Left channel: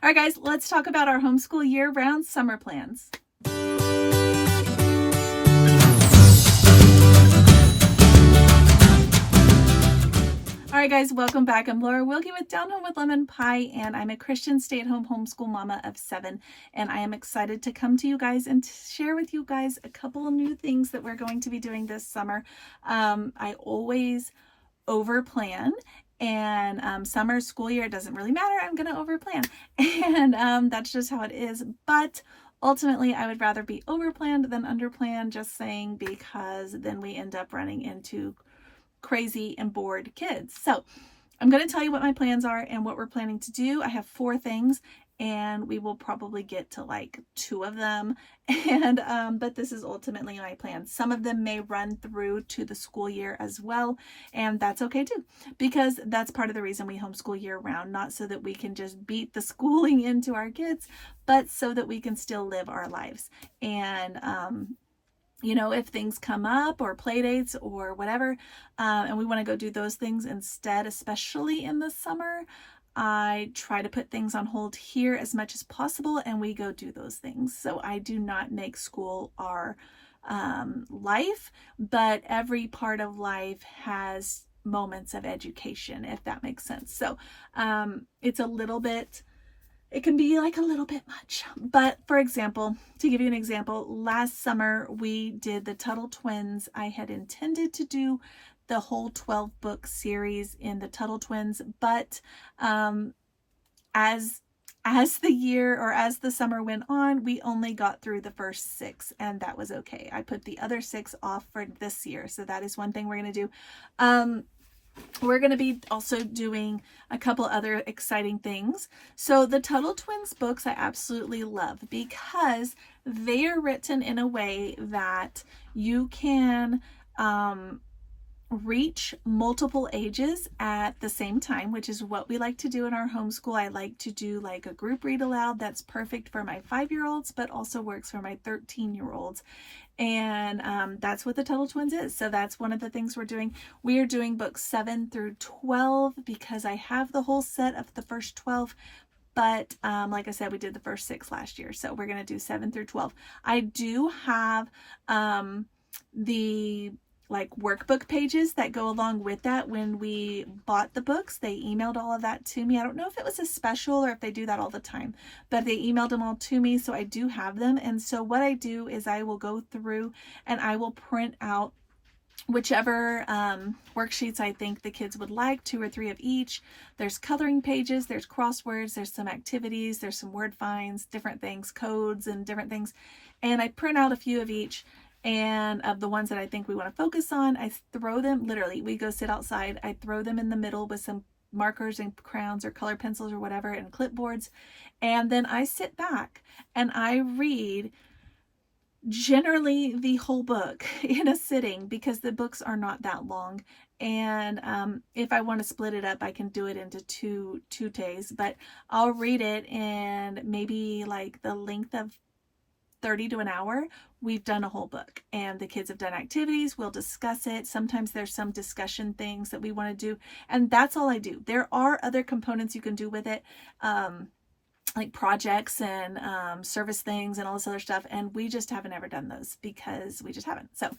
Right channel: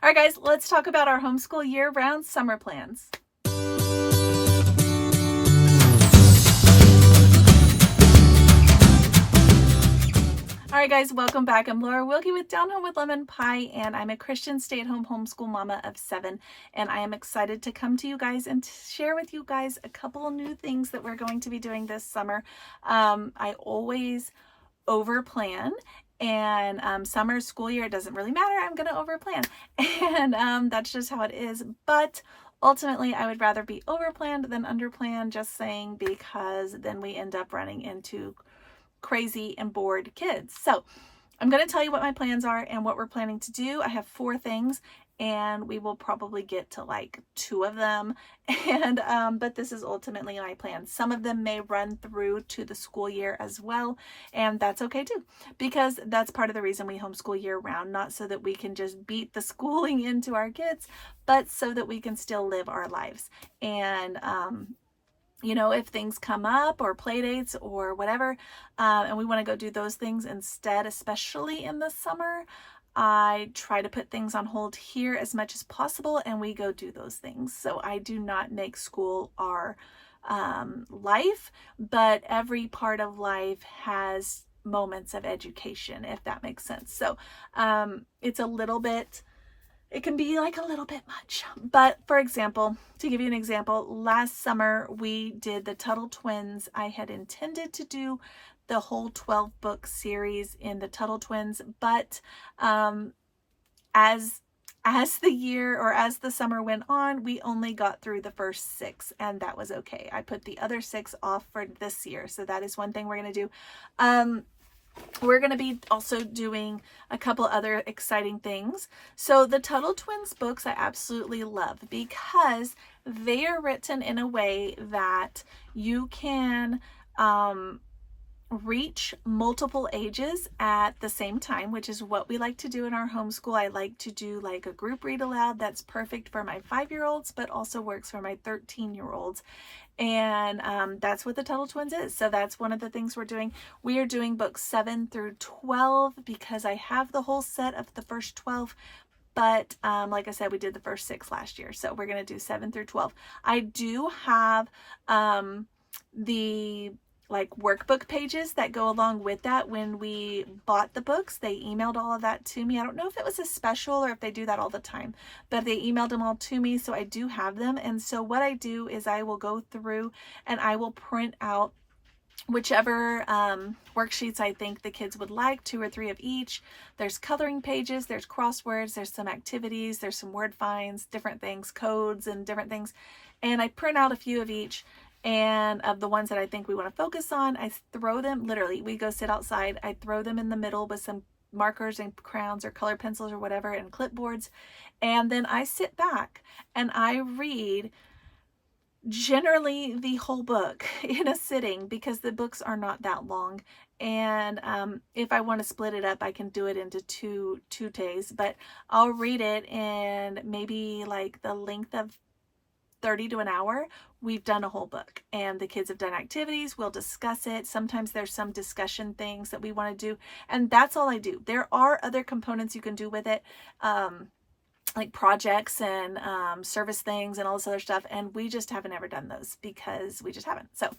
All right, guys, let's talk about our homeschool year-round summer plans. All right, guys, welcome back. I'm Laura Wilkie with Down Home with Lemon Pie, and I'm a Christian stay-at-home homeschool mama of 7, and I am excited to come to you guys and share with you guys a couple of new things that we're going to be doing this summer. I always over-plan, and summer, school year, it doesn't really matter. I'm going to over-plan, and that's just how it is, but ultimately, I would rather be over-planned than under-planned, just saying, because then we end up running into crazy and bored kids. So I'm going to tell you what my plans are and what we're planning to do. I have 4 things, and we will probably get to like 2 of them. And but this is ultimately my plan. Some of them may run through to the school year as well, and that's okay too, because that's part of the reason we homeschool year round, not so that we can just beat the schooling into our kids, but so that we can still live our lives. And you know, if things come up or play dates or whatever, and we want to go do those things instead, especially in the summer, I try to put things on hold here as much as possible, and we go do those things. So I do not make school our life, but every part of life has moments of education, if that makes sense. So it's a little bit, it can be like a little bit much. But for example, to give you an example, last summer we did the Tuttle Twins. I had intended to do the whole 12 book series in the Tuttle Twins, but as the year or as the summer went on, we only got through the first 6, and that was okay. I put the other 6 off for this year. So that is one thing we're going to do. We're going to be also doing a couple other exciting things. So the Tuttle Twins books I absolutely love because they are written in a way that you can reach multiple ages at the same time, which is what we like to do in our homeschool. I like to do like a group read aloud that's perfect for my 5-year-olds, but also works for my 13-year-olds. And that's what the Tuttle Twins is. So that's one of the things we're doing. We are doing books 7 through 12 because I have the whole set of the first 12. But like I said, we did the first 6 last year. So we're going to do 7 through 12. I do have the like workbook pages that go along with that. When we bought the books, they emailed all of that to me. I don't know if it was a special or if they do that all the time, but they emailed them all to me. So I do have them. And so what I do is I will go through and I will print out whichever worksheets I think the kids would like, 2 or 3 of each. There's coloring pages, there's crosswords, there's some activities, there's some word finds, different things, codes and different things. And I print out a few of each. And of the ones that I think we want to focus on, I throw them, literally, we go sit outside, I throw them in the middle with some markers and crayons or color pencils or whatever and clipboards. And then I sit back and I read generally the whole book in a sitting because the books are not that long. And if I want to split it up, I can do it into two days, but I'll read it in maybe like the length of 30 to an hour. We've done a whole book and the kids have done activities. We'll discuss it. Sometimes there's some discussion things that we want to do, and that's all I do. There are other components you can do with it, like projects and service things and all this other stuff, and we just haven't ever done those because we just haven't. So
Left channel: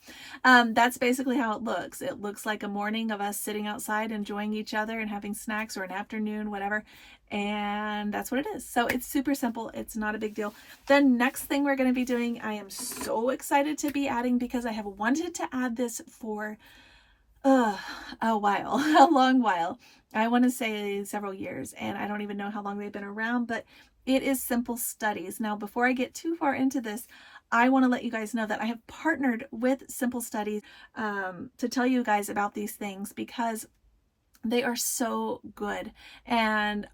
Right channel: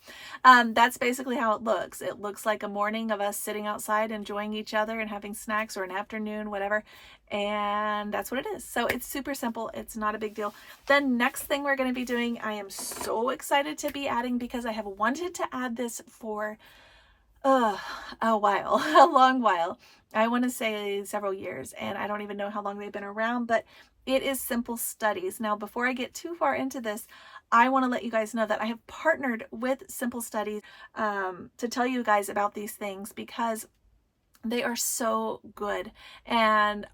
that's basically how it looks. It looks like a morning of us sitting outside enjoying each other and having snacks, or an afternoon, whatever, and that's what it is. So it's super simple. It's not a big deal. The next thing we're going to be doing, I am so excited to be adding, because I have wanted to add this for a while, a long while. I want to say several years, and I don't even know how long they've been around, but it is Simple Studies. Now, before I get too far into this, I want to let you guys know that I have partnered with Simple Studies to tell you guys about these things, because they are so good. And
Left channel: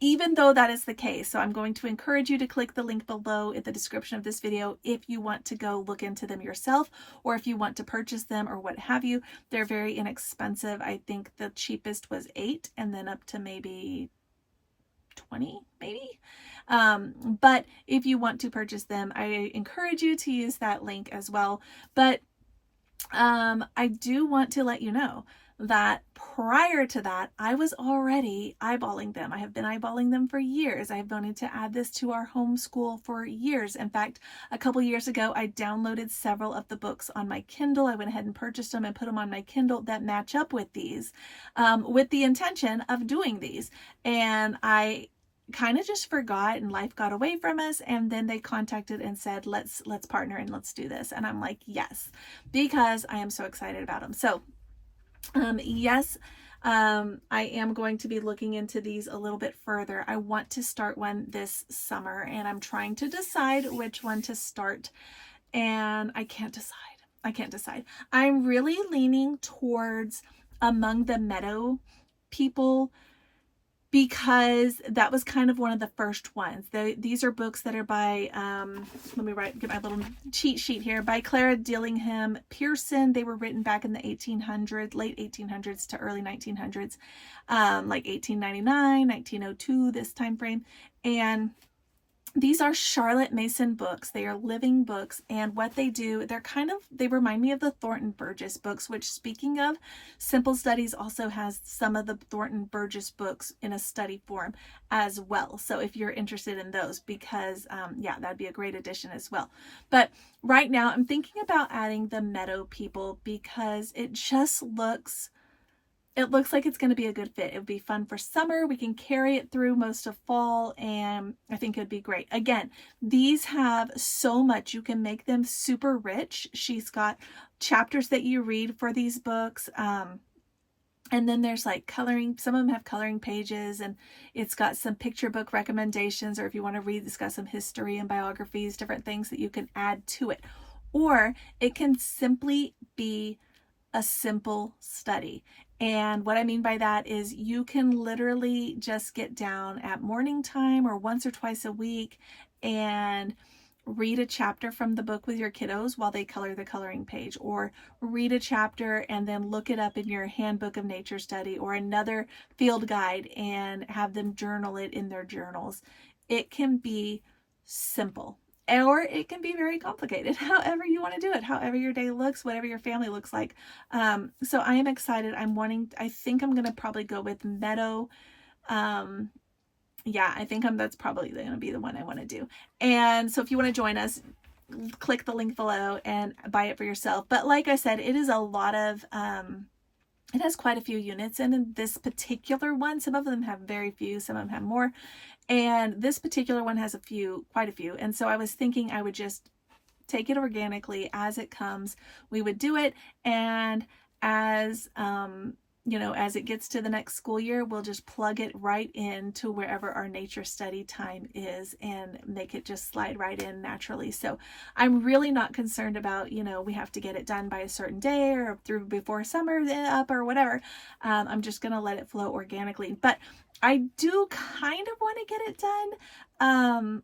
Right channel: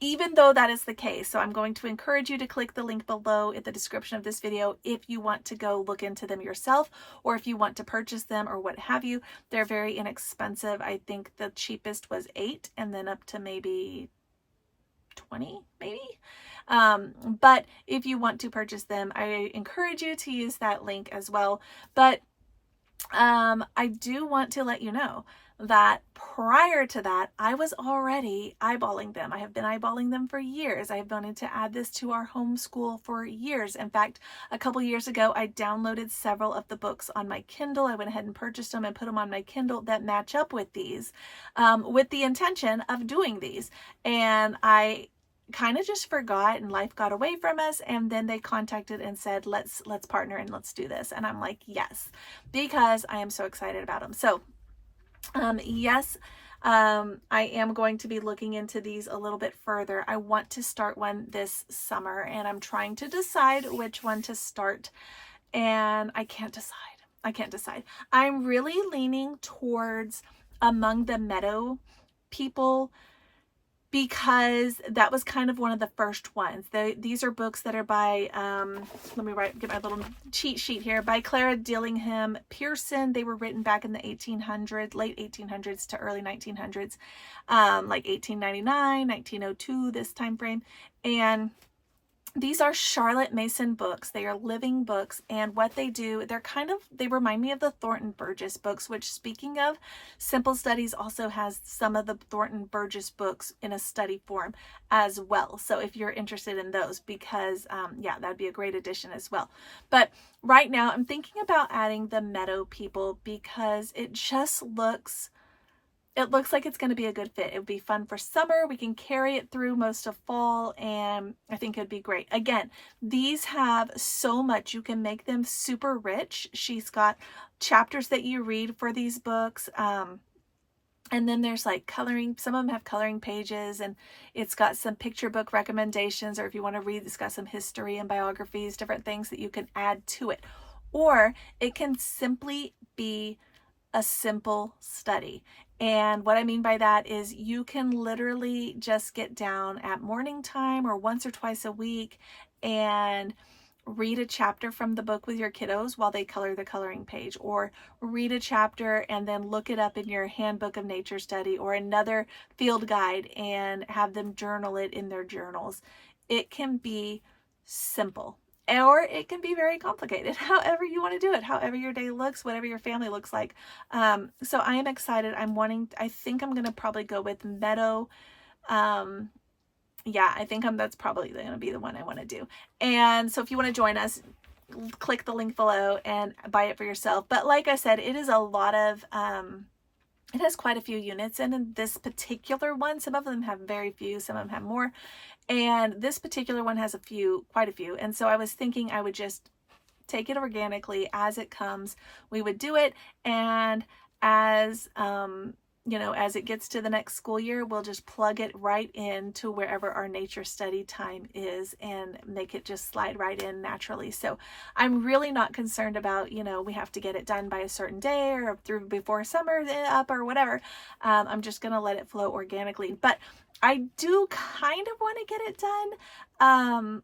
even though that is the case, so I'm going to encourage you to click the link below in the description of this video if you want to go look into them yourself, or if you want to purchase them or what have you. They're very inexpensive. I think the cheapest was $8 and then up to maybe 20 maybe. But if you want to purchase them, I encourage you to use that link as well. But I do want to let you know that prior to that, I was already eyeballing them. I have been eyeballing them for years. I have wanted to add this to our homeschool for years. In fact, a couple years ago, I downloaded several of the books on my Kindle. I went ahead and purchased them and put them on my Kindle that match up with these, with the intention of doing these. And I kind of just forgot, and life got away from us, and then they contacted and said, let's partner and let's do this. And I'm like, yes, because I am so excited about them. So yes, I am going to be looking into these a little bit further. I want to start one this summer, and I'm trying to decide which one to start, and I can't decide. I'm really leaning towards Among the Meadow People, because that was kind of one of the first ones. These are books that are by, let me get my little cheat sheet here, by Clara Dillingham Pearson. They were written back in the 1800s, late 1800s to early 1900s, like 1899, 1902, this time frame. And these are Charlotte Mason books. They are living books, and what they do, they remind me of the Thornton Burgess books, which, speaking of, Simple Studies also has some of the Thornton Burgess books in a study form as well. So if you're interested in those, because yeah, that'd be a great addition as well. But right now I'm thinking about adding the Meadow People, because it looks like it's going to be a good fit. It would be fun for summer. We can carry it through most of fall, and I think it'd be great. Again, these have so much. You can make them super rich. She's got chapters that you read for these books. And then there's like coloring. Some of them have coloring pages, and it's got some picture book recommendations, or if you want to read, it's got some history and biographies, different things that you can add to it. Or it can simply be a simple study. And what I mean by that is you can literally just get down at morning time or once or twice a week and read a chapter from the book with your kiddos while they color the coloring page, or read a chapter and then look it up in your handbook of nature study or another field guide and have them journal it in their journals. It can be simple. Or it can be very complicated, however you want to do it, however your day looks, whatever your family looks like. So I am excited. I think I'm going to probably go with Meadow. Yeah, I think that's probably going to be the one I want to do. And so if you want to join us, click the link below and buy it for yourself. But like I said, it is a lot of, it has quite a few units in this particular one. Some of them have very few, some of them have more. And this particular one has quite a few. And so I was thinking I would just take it organically as it comes. We would do it. And as, as it gets to the next school year, we'll just plug it right into wherever our nature study time is and make it just slide right in naturally. So I'm really not concerned about, we have to get it done by a certain day or through before summer up or whatever. I'm just going to let it flow organically. But I do kind of want to get it done,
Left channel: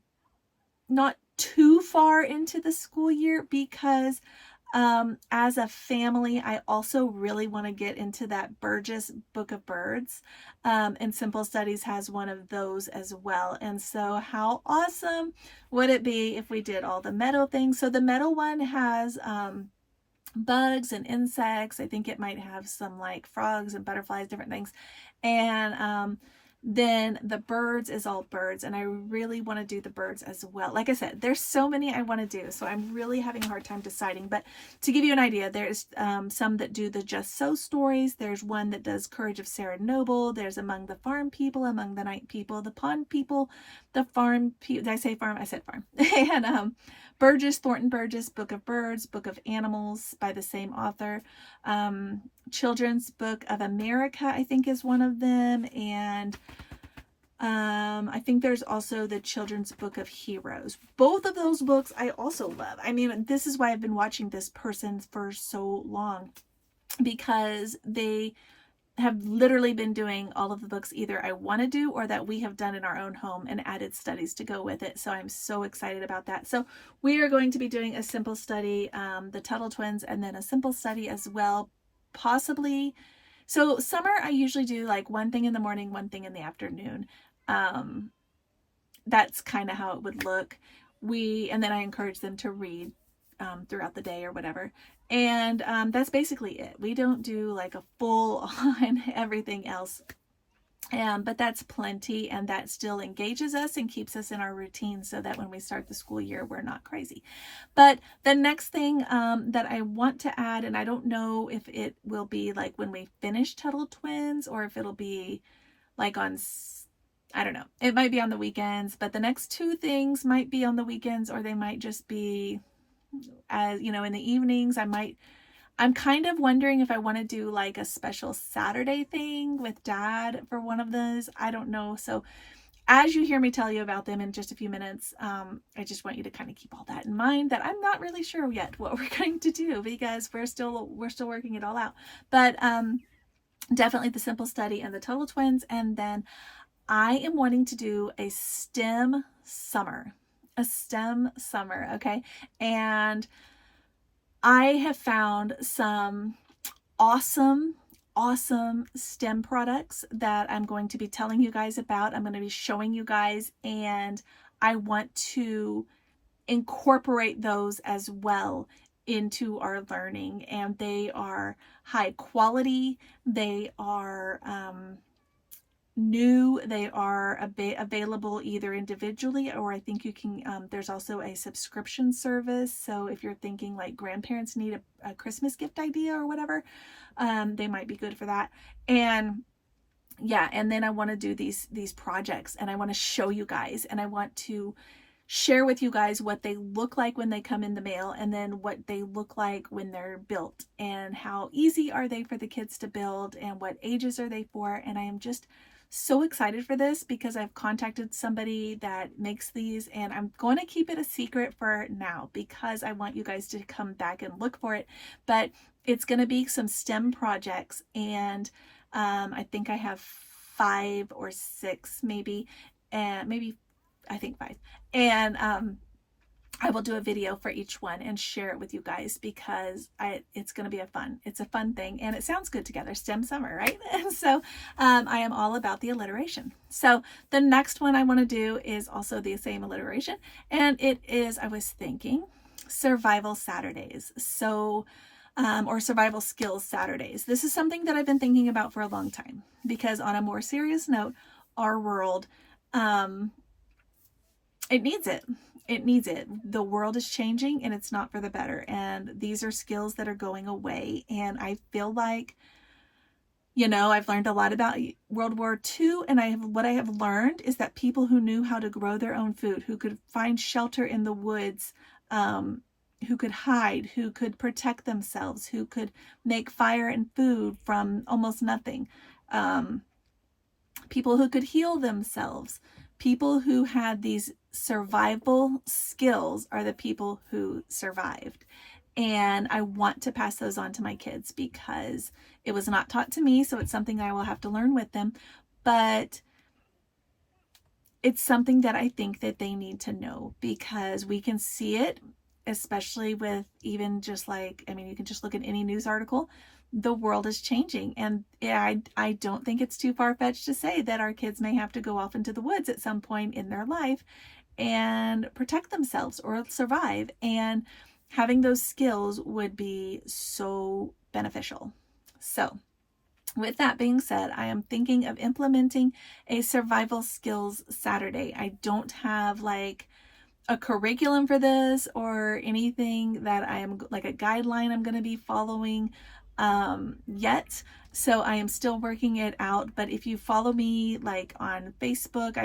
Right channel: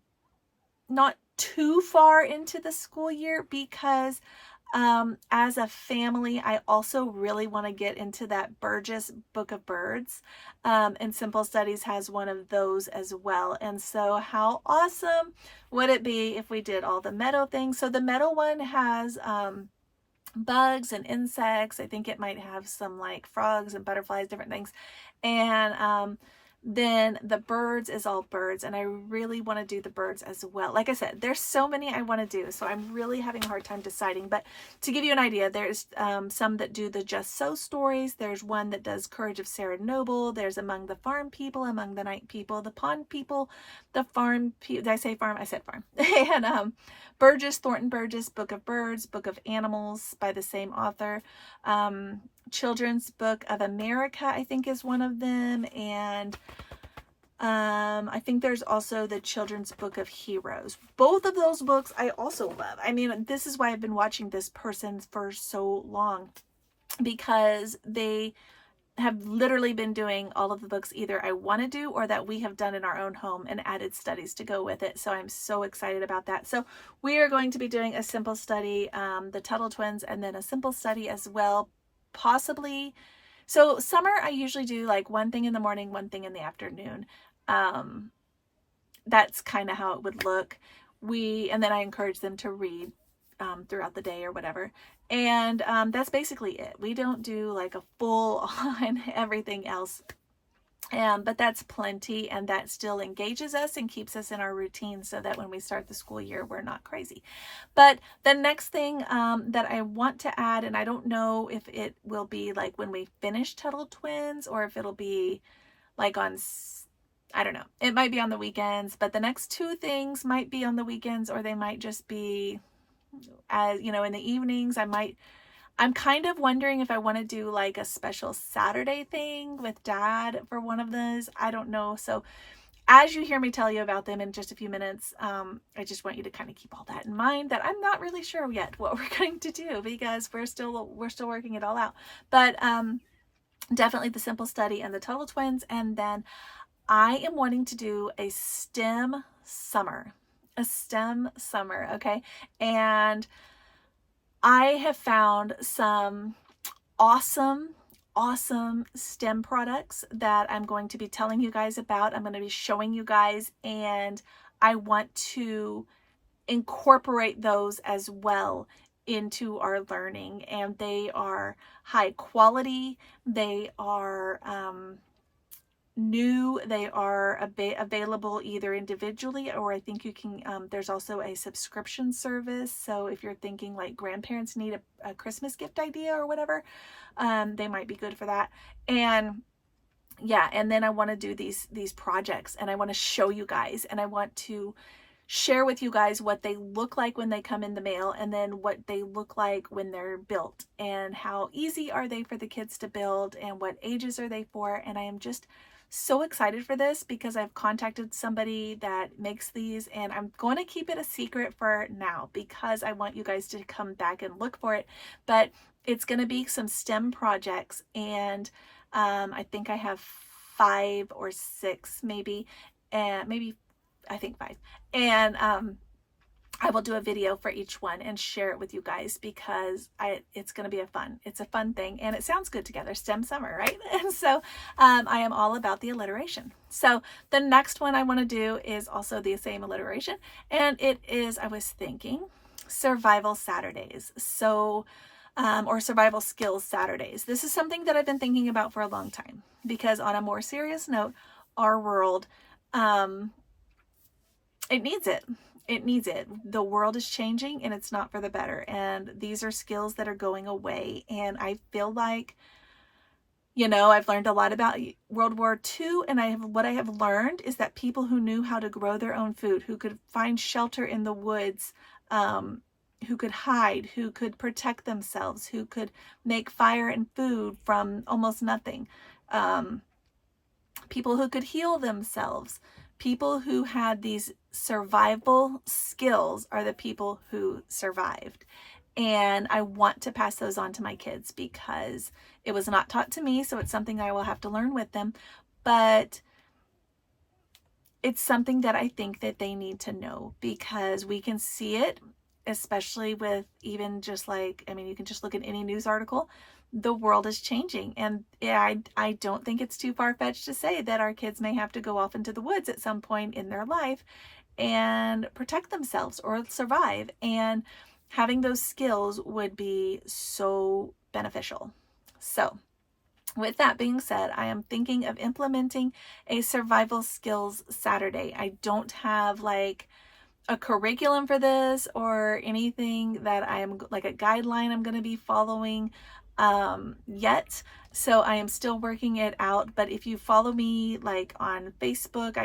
not too far into the school year, because as a family, I also really want to get into that Burgess Book of Birds, and Simple Studies has one of those as well. And so how awesome would it be if we did all the Meadow things? So the Meadow one has bugs and insects. I think it might have some like frogs and butterflies, different things. And then the birds is all birds, and I really want to do the birds as well. Like I said, there's so many I want to do, so I'm really having a hard time deciding. But to give you an idea, there's some that do the Just So stories. There's one that does Courage of Sarah Noble. There's Among the Farm People, Among the Night People, the Pond People, the Farm People. Did I say farm? I said farm. And Thornton Burgess, Book of Birds, Book of Animals by the same author. Children's Book of America, I think, is one of them. And I think there's also the Children's Book of Heroes. Both of those books I also love. I mean, this is why I've been watching this person for so long, because they have literally been doing all of the books either I want to do or that we have done in our own home and added studies to go with it. So I'm so excited about that. So we are going to be doing a simple study, the Tuttle Twins, and then a simple study as well, possibly. So summer, I usually do like one thing in the morning, one thing in the afternoon. That's kind of how it would look. And then I encourage them to read throughout the day or whatever. And that's basically it. We don't do like a full on everything else. But that's plenty, and that still engages us and keeps us in our routine so that when we start the school year, we're not crazy. But the next thing that I want to add, and I don't know if it will be like when we finish Tuttle Twins or if it'll be like on, I don't know, it might be on the weekends, but the next two things might be on the weekends, or they might just be, you know, in the evenings. I'm kind of wondering if I want to do like a special Saturday thing with Dad for one of those. I don't know. So as you hear me tell you about them in just a few minutes, I just want you to kind of keep all that in mind, that I'm not really sure yet what we're going to do because we're still working it all out. But definitely the Simple Study and the Tuttle Twins. And then I am wanting to do a STEM summer. Okay. And I have found some awesome STEM products that I'm going to be telling you guys about. I'm going to be showing you guys, and I want to incorporate those as well into our learning. And they are high quality. They are new. They are available either individually, or I think you can, there's also a subscription service. So if you're thinking like grandparents need a Christmas gift idea or whatever, they might be good for that. And yeah, and then I want to do these projects, and I want to show you guys, and I want to share with you guys what they look like when they come in the mail, and then what they look like when they're built, and how easy are they for the kids to build, and what ages are they for. And I am just so excited for this because I've contacted somebody that makes these, and I'm going to keep it a secret for now because I want you guys to come back and look for it. But it's going to be some STEM projects, and I think I have 5 or 6 maybe, and maybe I think 5. And I will do a video for each one and share it with you guys because it's going to be it's a fun thing, and it sounds good together. STEM summer, right? And so I am all about the alliteration. So the next one I want to do is also the same alliteration, and it is, I was thinking, survival Saturdays. So or survival skills Saturdays. This is something that I've been thinking about for a long time because, on a more serious note, our world, it needs it. It needs it. The world is changing, and it's not for the better. And these are skills that are going away. And I feel like, you know, I've learned a lot about World War II, and what I have learned is that people who knew how to grow their own food, who could find shelter in the woods, who could hide, who could protect themselves, who could make fire and food from almost nothing, people who could heal themselves, people who had these survival skills are the people who survived. And I want to pass those on to my kids because it was not taught to me, so it's something I will have to learn with them. But it's something that I think that they need to know because we can see it, especially with even just like, I mean, you can just look at any news article. The world is changing, and I don't think it's too far-fetched to say that our kids may have to go off into the woods at some point in their life and protect themselves or survive, and having those skills would be so beneficial. So with that being said, I am thinking of implementing a survival skills Saturday. I don't have like a curriculum for this or anything that I am like a guideline I'm going to be following yet. So I am still working it out. But if you follow me like on Facebook,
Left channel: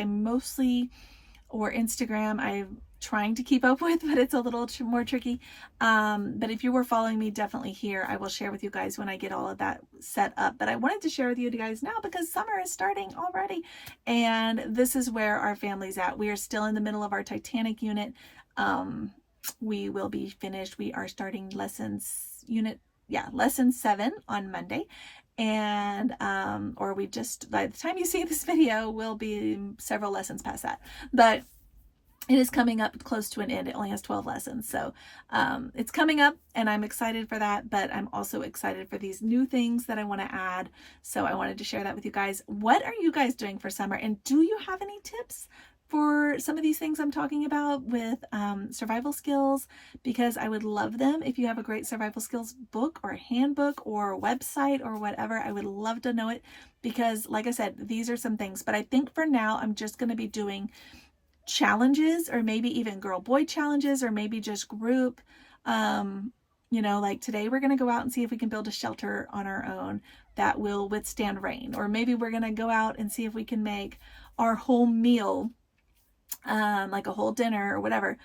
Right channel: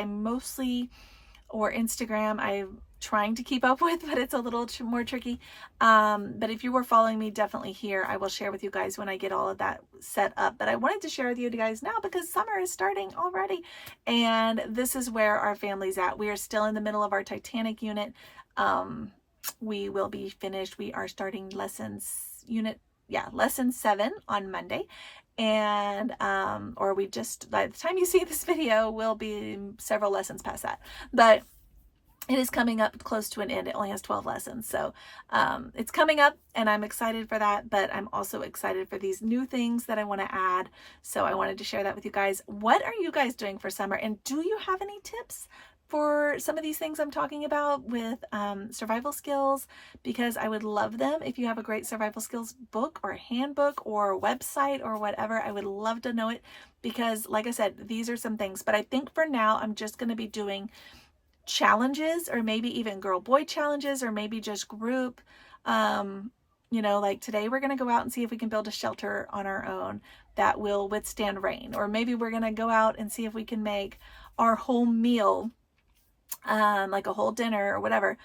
or Instagram, I'm trying to keep up with, but it's a little more tricky. But if you were following me, definitely here, I will share with you guys when I get all of that set up. But I wanted to share with you guys now because summer is starting already. And this is where our family's at. We are still in the middle of our Titanic unit. We will be finished. We are starting lesson 7 on Monday. And or we just, by the time you see this video, will be several lessons past that, but it is coming up close to an end. It only has 12 lessons, so it's coming up, and I'm excited for that. But I'm also excited for these new things that I want to add, so I wanted to share that with you guys. What are you guys doing for summer, and do you have any tips? for some of these things I'm talking about with survival skills, because I would love them. If you have a great survival skills book or handbook or website or whatever, I would love to know it, because like I said, these are some things. But I think for now, I'm just going to be doing challenges, or maybe even girl-boy challenges, or maybe just group. You know, like today we're going to go out and see if we can build a shelter on our own that will withstand rain. Or maybe we're going to go out and see if we can make our whole meal, like a whole dinner or whatever,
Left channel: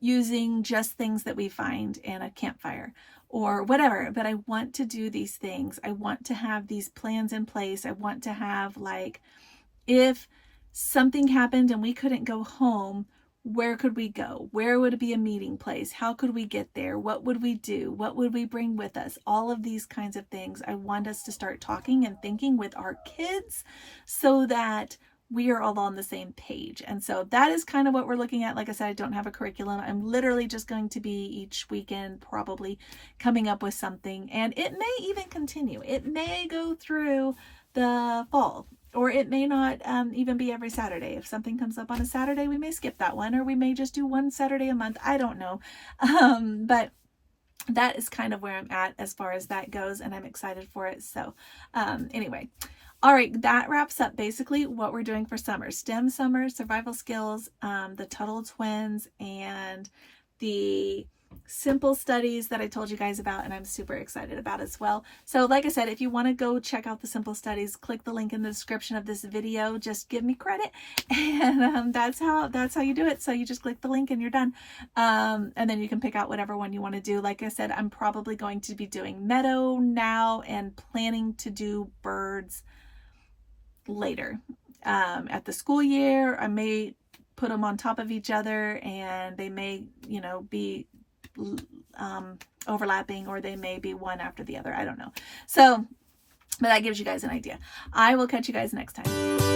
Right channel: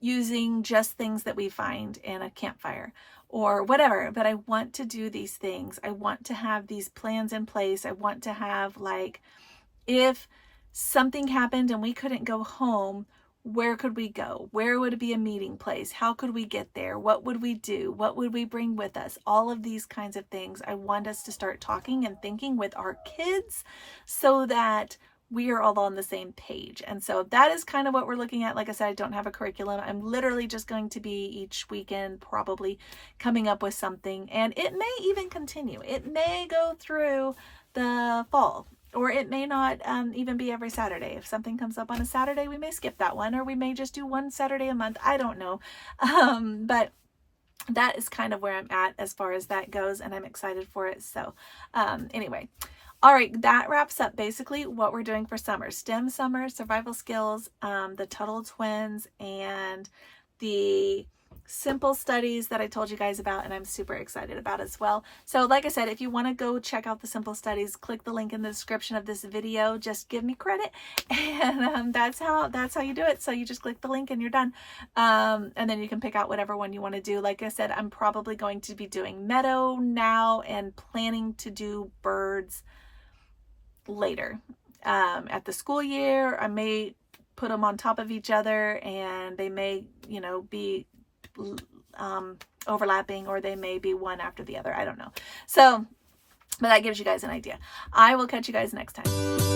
using just things that we find in a campfire or whatever. But I want to do these things. I want to have these plans in place. I want to have, like, if something happened and we couldn't go home, where could we go? Where would it be a meeting place? How could we get there? What would we do? What would we bring with us? All of these kinds of things. I want us to start talking and thinking with our kids so that we are all on the same page. And so that is kind of what we're looking at. Like I said, I don't have a curriculum. I'm literally just going to be each weekend probably coming up with something, and it may even continue. It may go through the fall, or it may not even be every Saturday. If something comes up on a Saturday, we may skip that one, or we may just do one Saturday a month. I don't know. But that is kind of where I'm at as far as that goes, and I'm excited for it. So anyway, all right, that wraps up basically what we're doing for summer. STEM summer, survival skills, the Tuttle twins, and the simple studies that I told you guys about, and I'm super excited about as well. So like I said, if you want to go check out the simple studies, click the link in the description of this video. Just give me credit, and that's how you do it. So you just click the link and you're done, and then you can pick out whatever one you want to do. Like I said, I'm probably going to be doing meadow now and planning to do birds later. At the school year, I may put them on top of each other, and they may, you know, be overlapping, or they may be one after the other. I don't know. So, but that gives you guys an idea. I will catch you guys next time.